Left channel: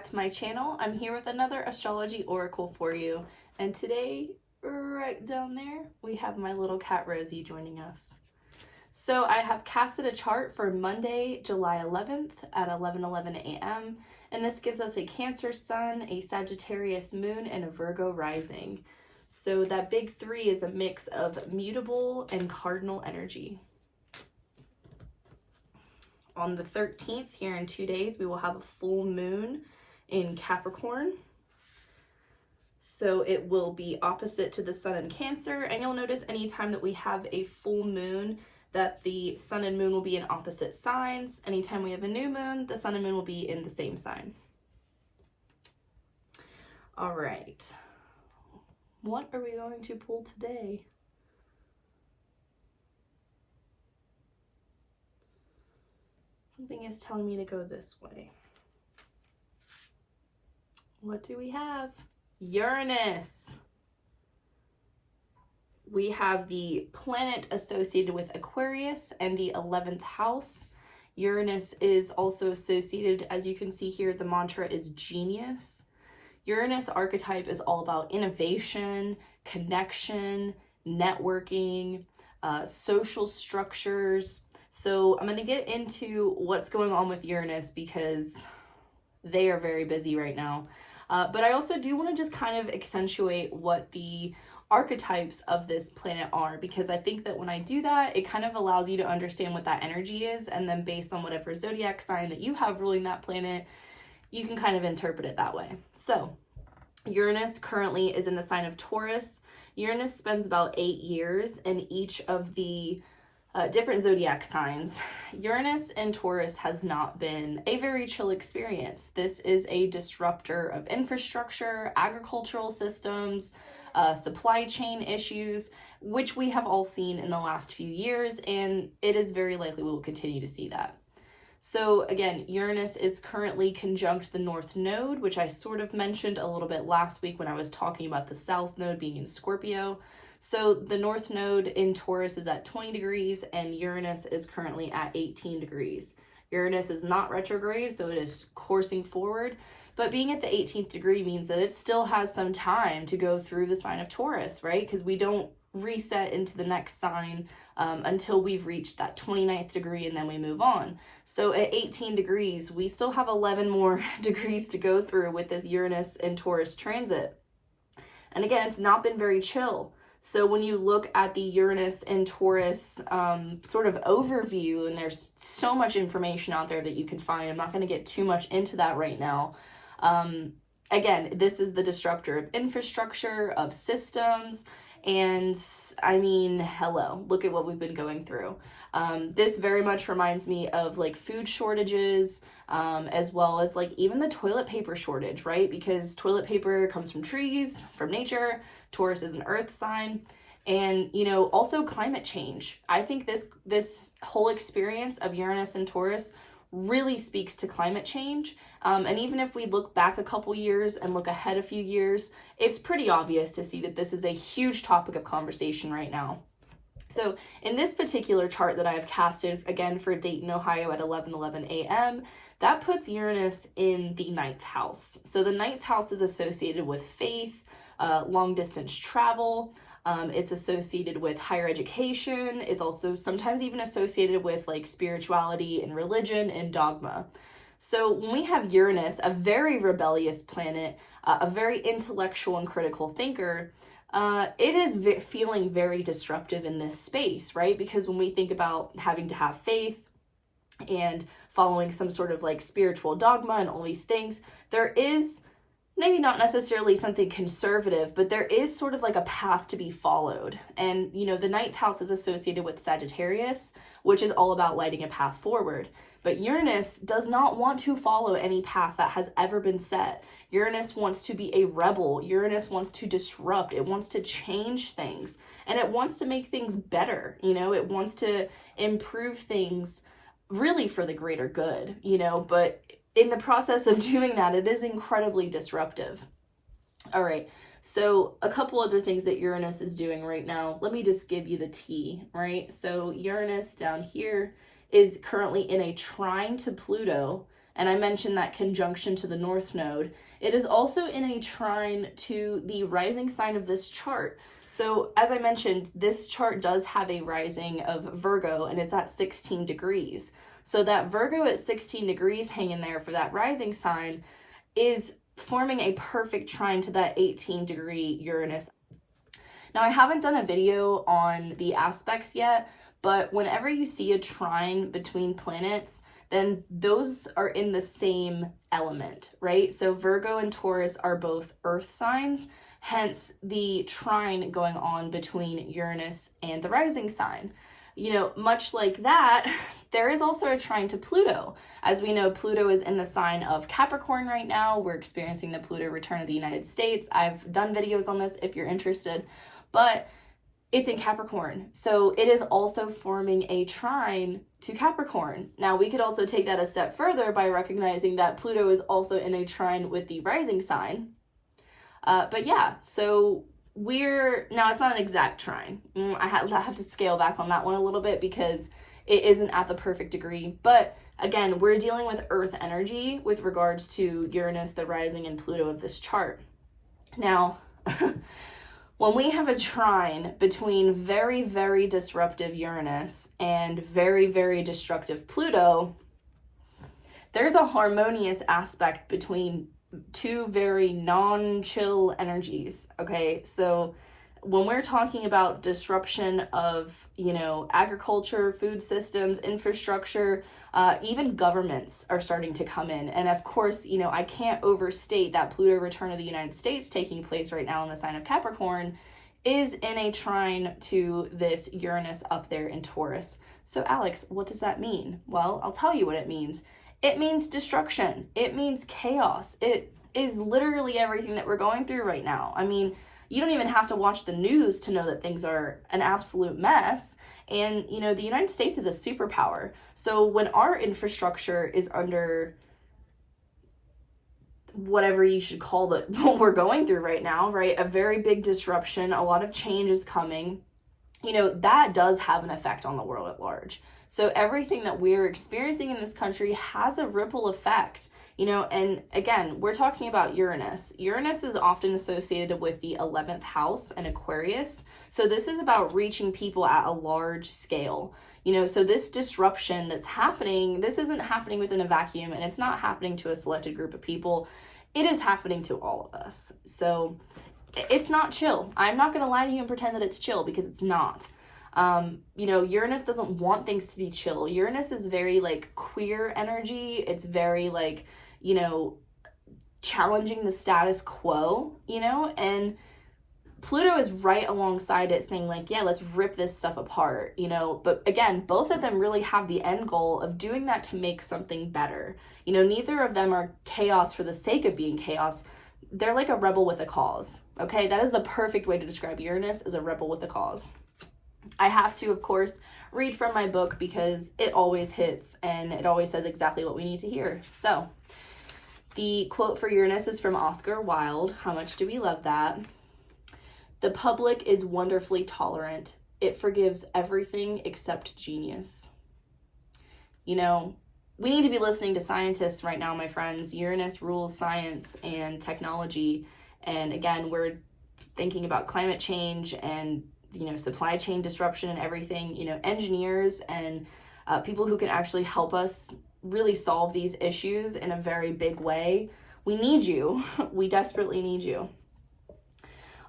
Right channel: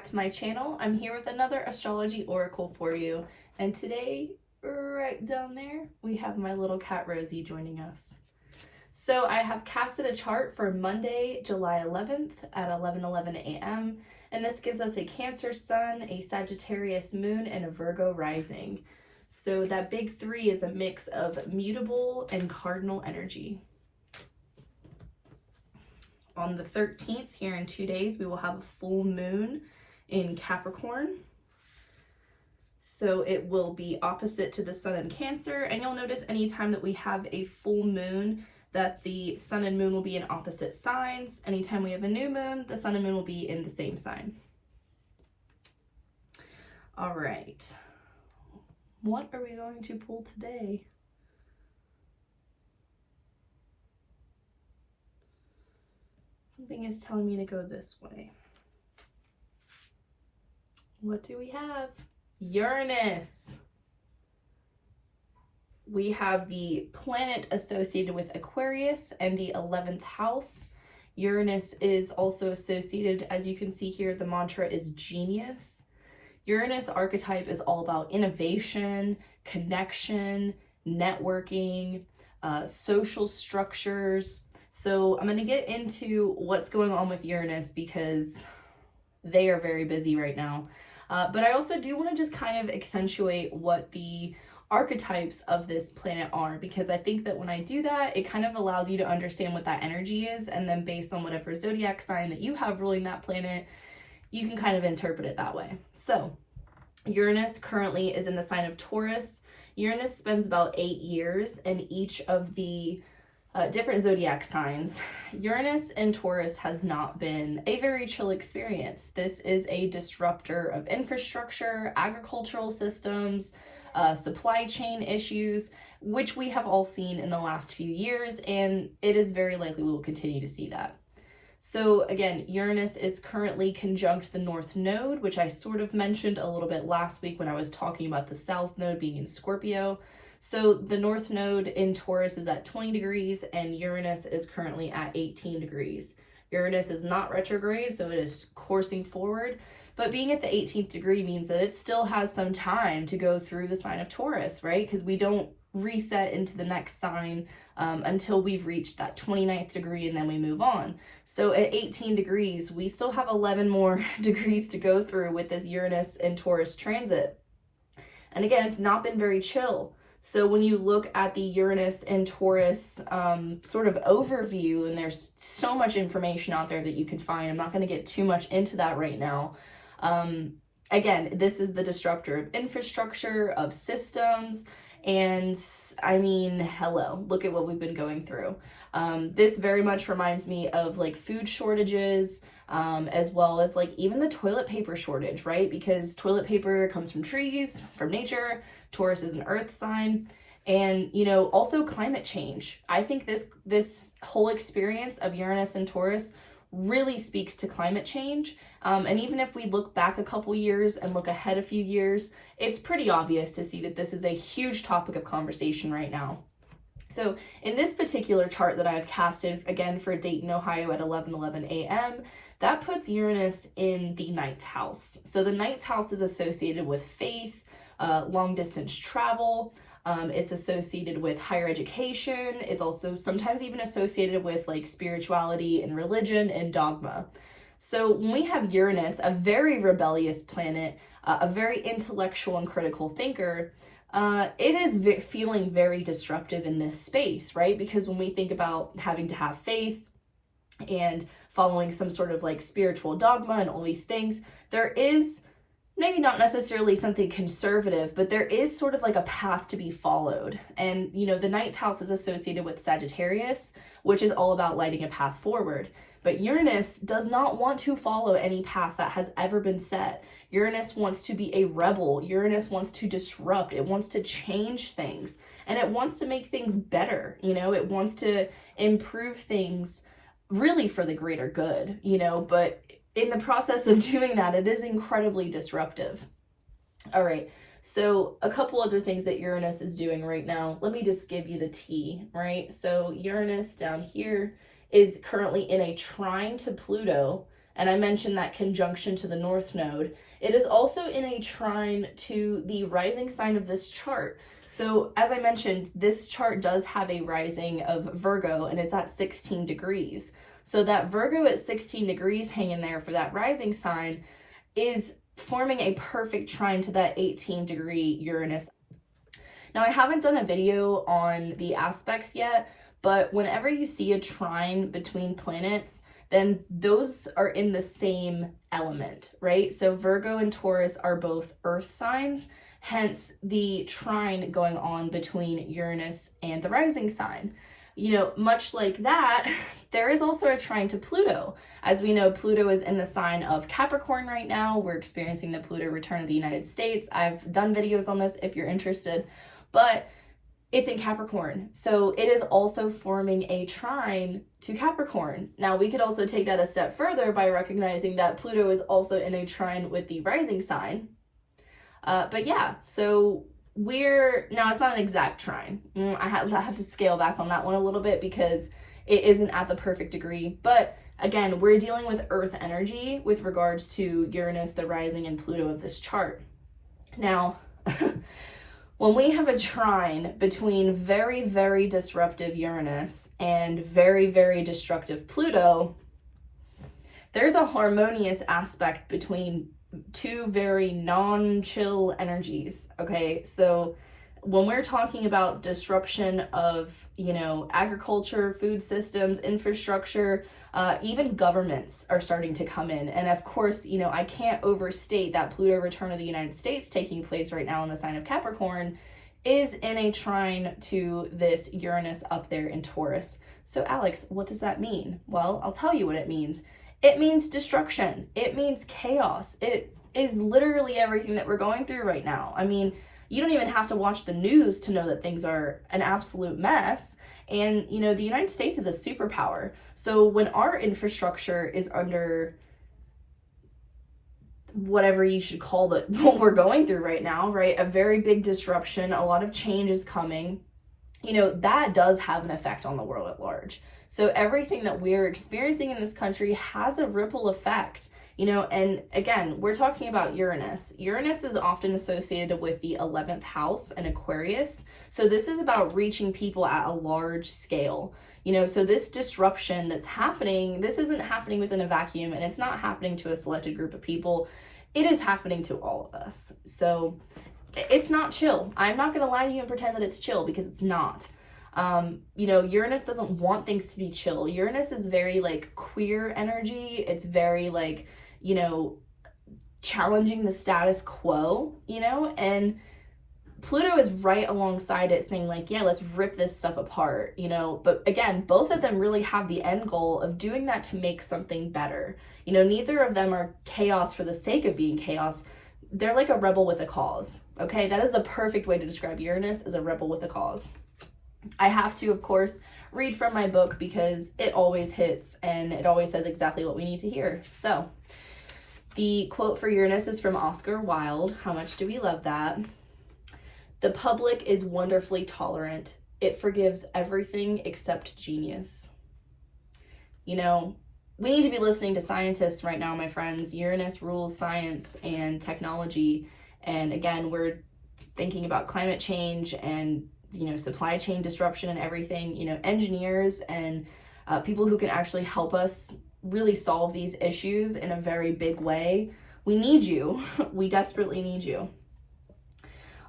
back to my channel. I'm here with another astrology oracle for you. And today, right down there, we have my little cat Rosie joining us. So I have casted a chart for Monday, July 11th at 11:11 a.m. And this gives us a Cancer sun, a Sagittarius moon, and a Virgo rising. So that big three is a mix of mutable and cardinal energy. On the 13th, here in 2 days, we will have a full moon in Capricorn. So it will be opposite to the sun in Cancer. And you'll notice anytime that we have a full moon, that the sun and moon will be in opposite signs. Anytime we have a new moon, the sun and moon will be in the same sign. All right. What are we going to pull today? Something is telling me to go this way. What do we have? Uranus. We have the planet associated with Aquarius and the 11th house. Uranus is also associated, as you can see here, the mantra is genius. Uranus archetype is all about innovation, connection, networking, social structures. So I'm going to get into what's going on with Uranus because they are very busy right now. But I also do want to just kind of accentuate what the archetypes of this planet are, because I think that when I do that, it kind of allows you to understand what that energy is. And then based on whatever zodiac sign that you have ruling that planet, you can kind of interpret it that way. So Uranus currently is in the sign of Taurus. Uranus spends about 8 years in each of the different zodiac signs. Uranus and Taurus has not been a very chill experience. This is a disruptor of infrastructure, agricultural systems, supply chain issues, which we have all seen in the last few years, and it is very likely we will continue to see that. So again, Uranus is currently conjunct the North Node, which I sort of mentioned a little bit last week when I was talking about the South Node being in Scorpio. So the North Node in Taurus is at 20 degrees and Uranus is currently at 18 degrees. Uranus is not retrograde, so it is coursing forward, but being at the 18th degree means that it still has some time to go through the sign of Taurus, right? Because we don't reset into the next sign until we've reached that 29th degree and then we move on. So at 18 degrees, we still have 11 more degrees to go through with this Uranus and Taurus transit. And again, it's not been very chill. So when you look at the Uranus and Taurus sort of overview, and there's so much information out there that you can find, I'm not going to get too much into that right now. Again, this is the disruptor of infrastructure, of systems, and I mean, hello, look at what we've been going through. This very much reminds me of like food shortages, as well as like even the toilet paper shortage, right? Because toilet paper comes from trees, from nature. Taurus is an earth sign, and you know, also climate change. I think this whole experience of Uranus and Taurus really speaks to climate change. And even if we look back a couple years and look ahead a few years, it's pretty obvious to see that this is a huge topic of conversation right now. So in this particular chart that I have casted, again for Dayton, Ohio at 11:11 a.m., that puts Uranus in the 9th house. So the 9th house is associated with faith, long distance travel. It's associated with higher education. It's also sometimes even associated with like spirituality and religion and dogma. So when we have Uranus, a very rebellious planet, a very intellectual and critical thinker, it is feeling very disruptive in this space, right? Because when we think about having to have faith and following some sort of like spiritual dogma and all these things, there is maybe not necessarily something conservative, but there is sort of like a path to be followed. And, you know, the 9th house is associated with Sagittarius, which is all about lighting a path forward. But Uranus does not want to follow any path that has ever been set. Uranus wants to be a rebel. Uranus wants to disrupt. It wants to change things. And it wants to make things better. You know, it wants to improve things really for the greater good, you know, but in the process of doing that, it is incredibly disruptive. All right, so a couple other things that Uranus is doing right now. Let me just give you the tea, right? So Uranus down here is currently in a trine to Pluto and I mentioned that conjunction to the North Node, it is also in a trine to the rising sign of this chart. So as I mentioned, this chart does have a rising of Virgo, and it's at 16 degrees. So that Virgo at 16 degrees hanging there for that rising sign is forming a perfect trine to that 18-degree Uranus. Now, I haven't done a video on the aspects yet, but whenever you see a trine between planets, then those are in the same element, right? So Virgo and Taurus are both earth signs, hence the trine going on between Uranus and the rising sign. You know, much like that, there is also a trine to Pluto. As we know, Pluto is in the sign of Capricorn right now. We're experiencing the Pluto return of the United States. I've done videos on this if you're interested, but it's in Capricorn. So it is also forming a trine to Capricorn. Now, we could also take that a step further by recognizing that Pluto is also in a trine with the rising sign. But yeah, so now it's not an exact trine. I have to scale back on that one a little bit because it isn't at the perfect degree. But again, we're dealing with Earth energy with regards to Uranus, the rising, and Pluto of this chart. Now, when we have a trine between very, very disruptive Uranus and very, very destructive Pluto, there's a harmonious aspect between two very non-chill energies, okay? So when we're talking about disruption of, you know, agriculture, food systems, infrastructure, even governments are starting to come in. And of course, you know, I can't overstate that Pluto return of the United States taking place right now in the sign of Capricorn is in a trine to this Uranus up there in Taurus. So Alex, what does that mean? Well, I'll tell you what it means. It means destruction. It means chaos. It is literally everything that we're going through right now. I mean, you don't even have to watch the news to know that things are an absolute mess. And, you know, the United States is a superpower. So when our infrastructure is under whatever you should call it, what we're going through right now, right? A very big disruption, a lot of change is coming. You know, that does have an effect on the world at large. So everything that we're experiencing in this country has a ripple effect, you know, and again, we're talking about Uranus. Uranus is often associated with the 11th house and Aquarius. So this is about reaching people at a large scale, you know, so this disruption that's happening, this isn't happening within a vacuum, and it's not happening to a selected group of people. It is happening to all of us. So it's not chill. I'm not going to lie to you and pretend that it's chill, because it's not. You know, Uranus doesn't want things to be chill. Uranus is very like queer energy. It's very like, you know, challenging the status quo, you know, and Pluto is right alongside it saying like, yeah, let's rip this stuff apart, you know, but again, both of them really have the end goal of doing that to make something better. You know, neither of them are chaos for the sake of being chaos. They're like a rebel with a cause, okay? That is the perfect way to describe Uranus, as a rebel with a cause. I have to, of course, read from my book because it always hits and it always says exactly what we need to hear. So the quote for Uranus is from Oscar Wilde. How much do we love that? The public is wonderfully tolerant. It forgives everything except genius. You know, we need to be listening to scientists right now, my friends. Uranus rules science and technology. And again, we're thinking about climate change and, you know, supply chain disruption and everything. You know, engineers and people who can actually help us really solve these issues in a very big way. We need you. We desperately need you.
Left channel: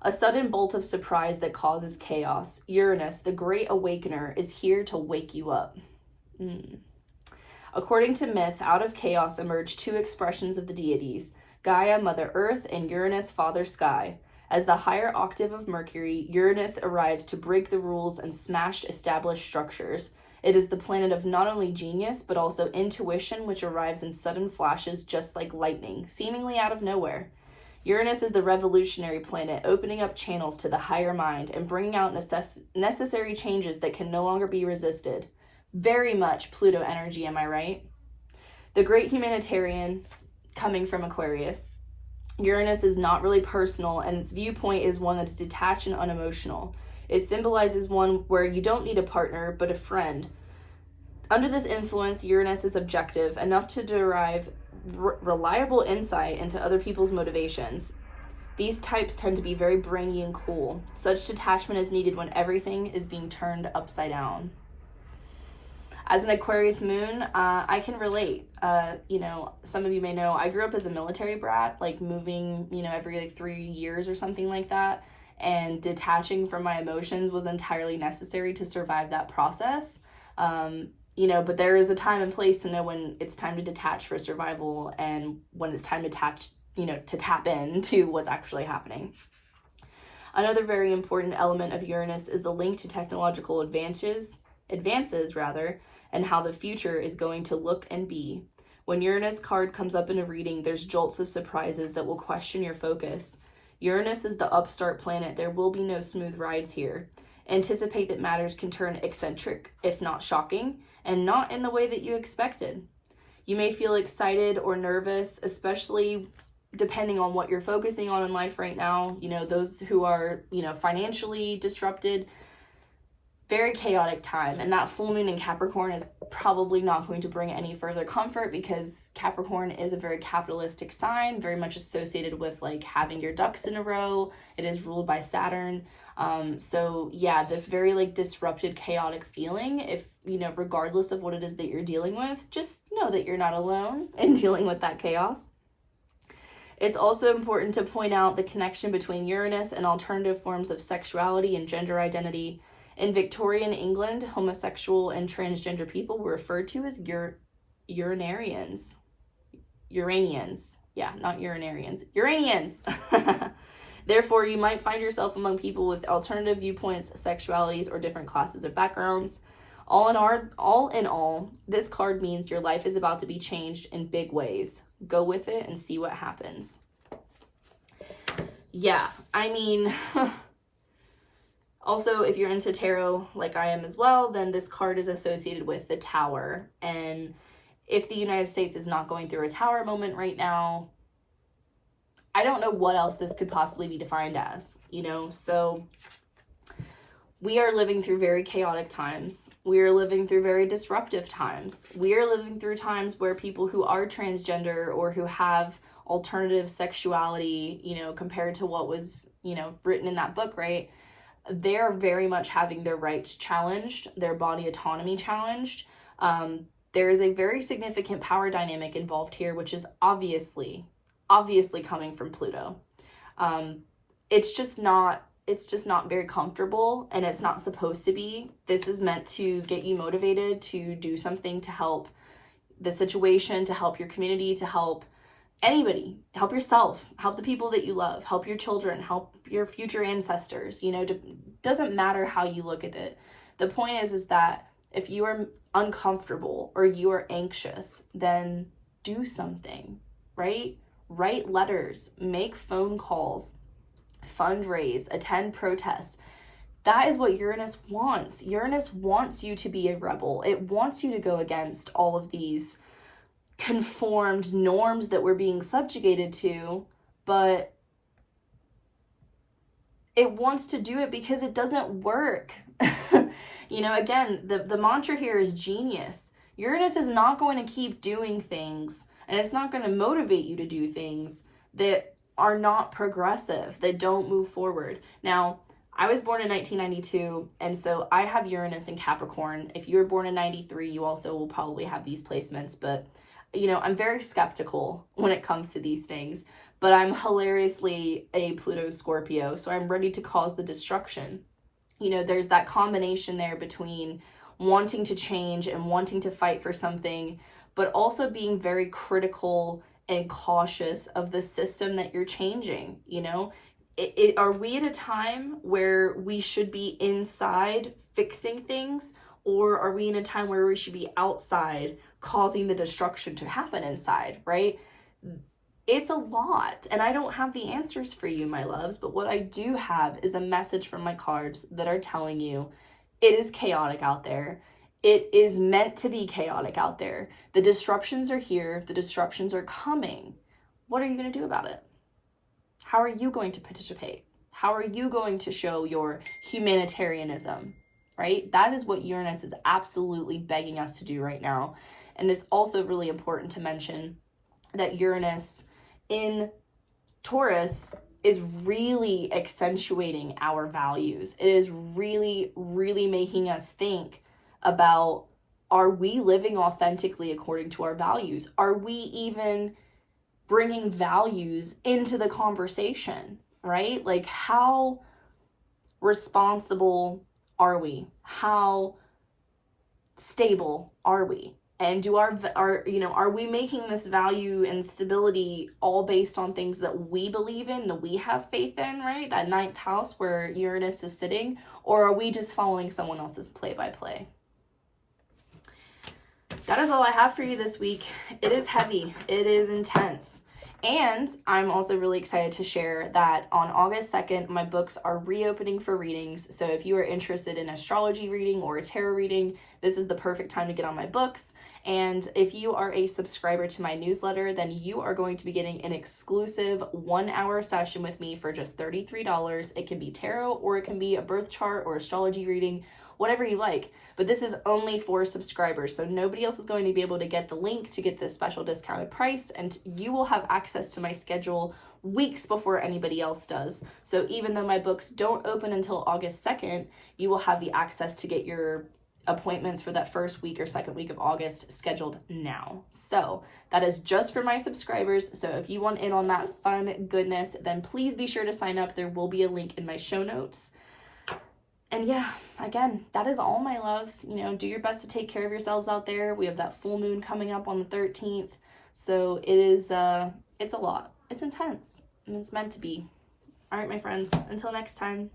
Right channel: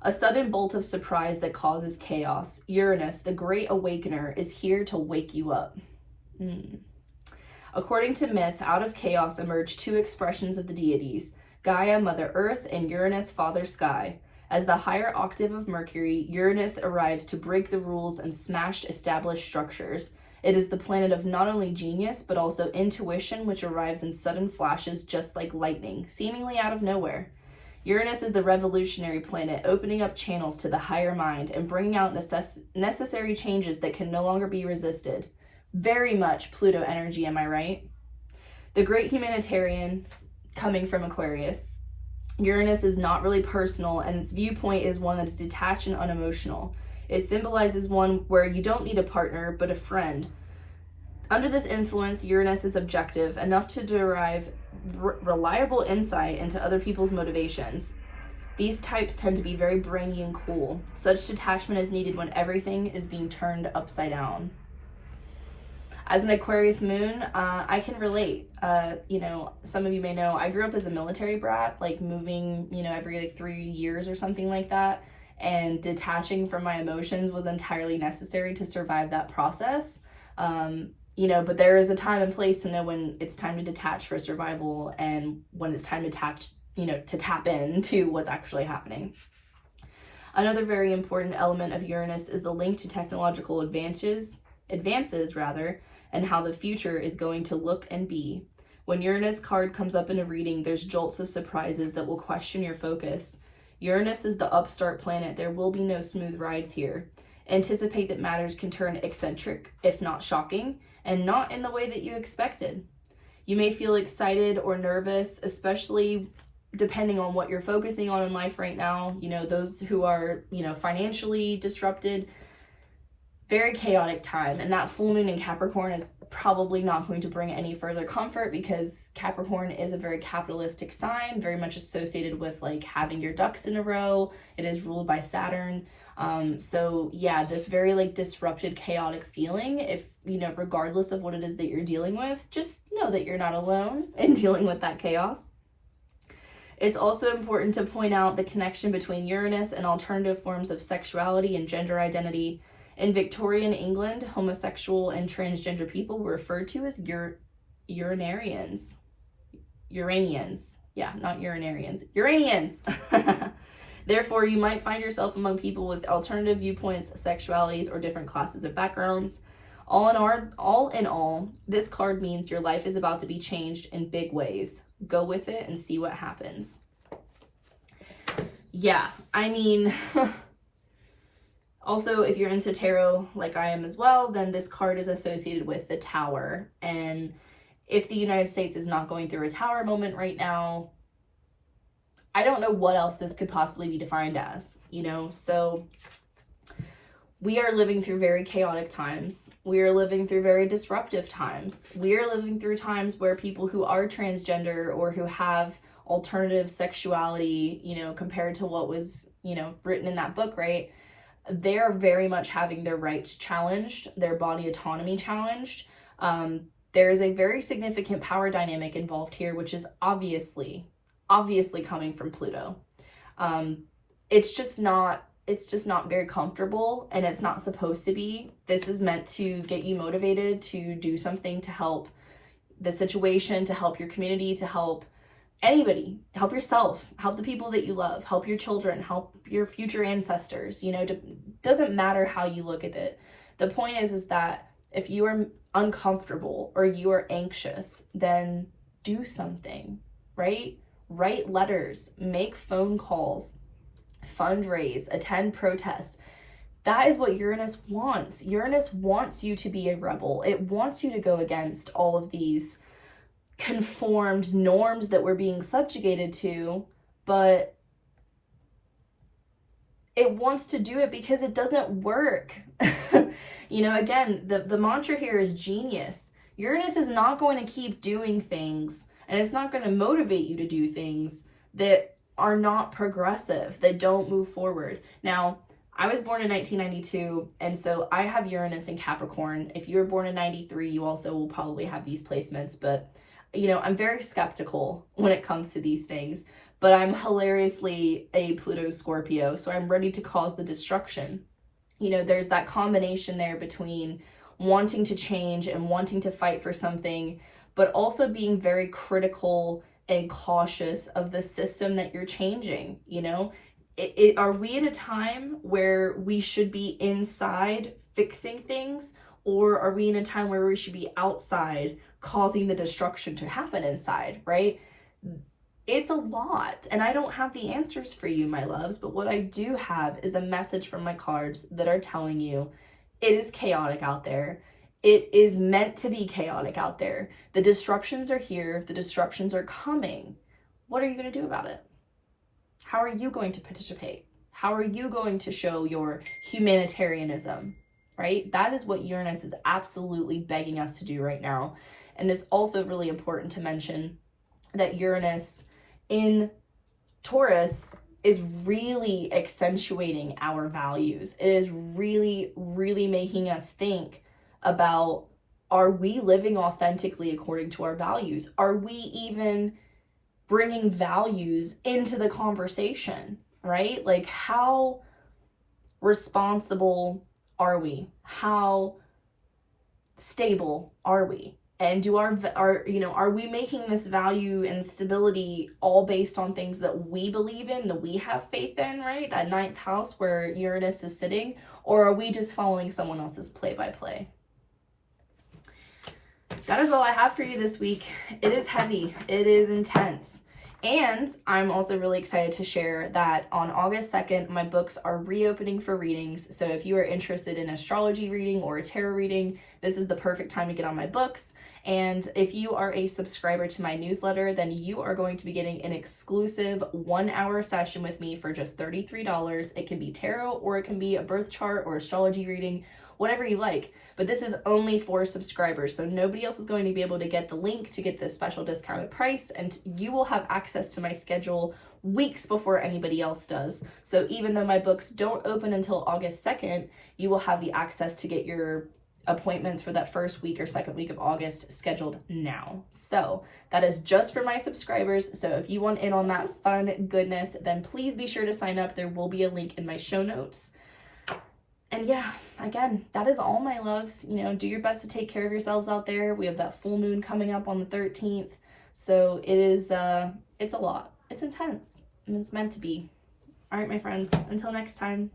A sudden bolt of surprise that causes chaos. Uranus, the great awakener, is here to wake you up. According to myth, out of chaos emerge two expressions of the deities, Gaia, Mother Earth, and Uranus, Father Sky. As the higher octave of Mercury, Uranus arrives to break the rules and smash established structures. It is the planet of not only genius, but also intuition, which arrives in sudden flashes just like lightning, seemingly out of nowhere. Uranus is the revolutionary planet, opening up channels to the higher mind and bringing out necessary changes that can no longer be resisted. Very much Pluto energy, am I right? The great humanitarian coming from Aquarius. Uranus is not really personal, and its viewpoint is one that's detached and unemotional. It symbolizes one where you don't need a partner, but a friend. Under this influence, Uranus is objective enough to derive reliable insight into other people's motivations. These types tend to be very brainy and cool. Such detachment is needed when everything is being turned upside down. As an Aquarius moon, I can relate. Some of you may know I grew up as a military brat, like moving, every like 3 years or something like that. And detaching from my emotions was entirely necessary to survive that process. But there is a time and place to know when it's time to detach for survival and when it's time to tap into what's actually happening. Another very important element of Uranus is the link to technological advances, and how the future is going to look and be. When Uranus card comes up in a reading, there's jolts of surprises that will question your focus. Uranus is the upstart planet. There will be no smooth rides here. Anticipate that matters can turn eccentric, if not shocking, and not in the way that you expected. You may feel excited or nervous, especially depending on what you're focusing on in life right now. Those who are, financially disrupted, very chaotic time. And that full moon in Capricorn is probably not going to bring any further comfort, because Capricorn is a very capitalistic sign, very much associated with like having your ducks in a row. It is ruled by Saturn. This very like disrupted, chaotic feeling, if, regardless of what it is that you're dealing with, just know that you're not alone in dealing with that chaos. It's also important to point out the connection between Uranus and alternative forms of sexuality and gender identity. In Victorian England, homosexual and transgender people were referred to as Uranians. Yeah, not urinarians. Uranians! Therefore, you might find yourself among people with alternative viewpoints, sexualities, or different classes of backgrounds. All in all, this card means your life is about to be changed in big ways. Go with it and see what happens. Yeah, also, if you're into tarot like I am as well, then this card is associated with the Tower. And if the United States is not going through a Tower moment right now, I don't know what else this could possibly be defined as, So we are living through very chaotic times. We are living through very disruptive times. We are living through times where people who are transgender or who have alternative sexuality, compared to what was, written in that book, right? They're very much having their rights challenged, their body autonomy challenged. There is a very significant power dynamic involved here, which is obviously coming from Pluto. It's just not very comfortable, and it's not supposed to be. This is meant to get you motivated to do something to help the situation, to help your community, to help anybody, help yourself, help the people that you love, help your children, help your future ancestors. Doesn't matter how you look at it. The point is that if you are uncomfortable or you are anxious, then do something, right? Write letters, make phone calls, fundraise, attend protests. That is what Uranus wants. Uranus wants you to be a rebel. It wants you to go against all of these conformed norms that we're being subjugated to, but it wants to do it because it doesn't work. Again, the mantra here is genius. Uranus is not going to keep doing things, and it's not going to motivate you to do things that are not progressive, that don't move forward. Now, I was born in 1992, and so I have Uranus in Capricorn. If you were born in 93, you also will probably have these placements, but I'm very skeptical when it comes to these things, but I'm hilariously a Pluto Scorpio, so I'm ready to cause the destruction. There's that combination there between wanting to change and wanting to fight for something, but also being very critical and cautious of the system that you're changing. Are we at a time where we should be inside fixing things, or are we in a time where we should be outside causing the destruction to happen inside, right? It's a lot, and I don't have the answers for you, my loves, but what I do have is a message from my cards that are telling you it is chaotic out there. It is meant to be chaotic out there. The disruptions are here. The disruptions are coming. What are you going to do about it? How are you going to participate? How are you going to show your humanitarianism, right? That is what Uranus is absolutely begging us to do right now. And it's also really important to mention that Uranus in Taurus is really accentuating our values. It is really, really making us think about, are we living authentically according to our values? Are we even bringing values into the conversation, right? Like, how responsible are we? How stable are we? And do are we making this value and stability all based on things that we believe in, that we have faith in, right? That ninth house where Uranus is sitting, or are we just following someone else's play-by-play? That is all I have for you this week. It is heavy. It is intense. And I'm also really excited to share that on August 2nd, my books are reopening for readings. So if you are interested in astrology reading or a tarot reading, this is the perfect time to get on my books. And if you are a subscriber to my newsletter, then you are going to be getting an exclusive 1-hour session with me for just $33. It can be tarot, or it can be a birth chart or astrology reading, whatever you like. But this is only for subscribers, so nobody else is going to be able to get the link to get this special discounted price, and you will have access to my schedule weeks before anybody else does. So even though my books don't open until August 2nd, you will have the access to get your appointments for that first week or second week of August scheduled now. So that is just for my subscribers. So if you want in on that fun goodness, then please be sure to sign up. There will be a link in my show notes. And yeah, again, that is all, my loves. Do your best to take care of yourselves out there. We have that full moon coming up on the 13th. So it is, it's a lot. It's intense, and it's meant to be. All right, my friends, until next time.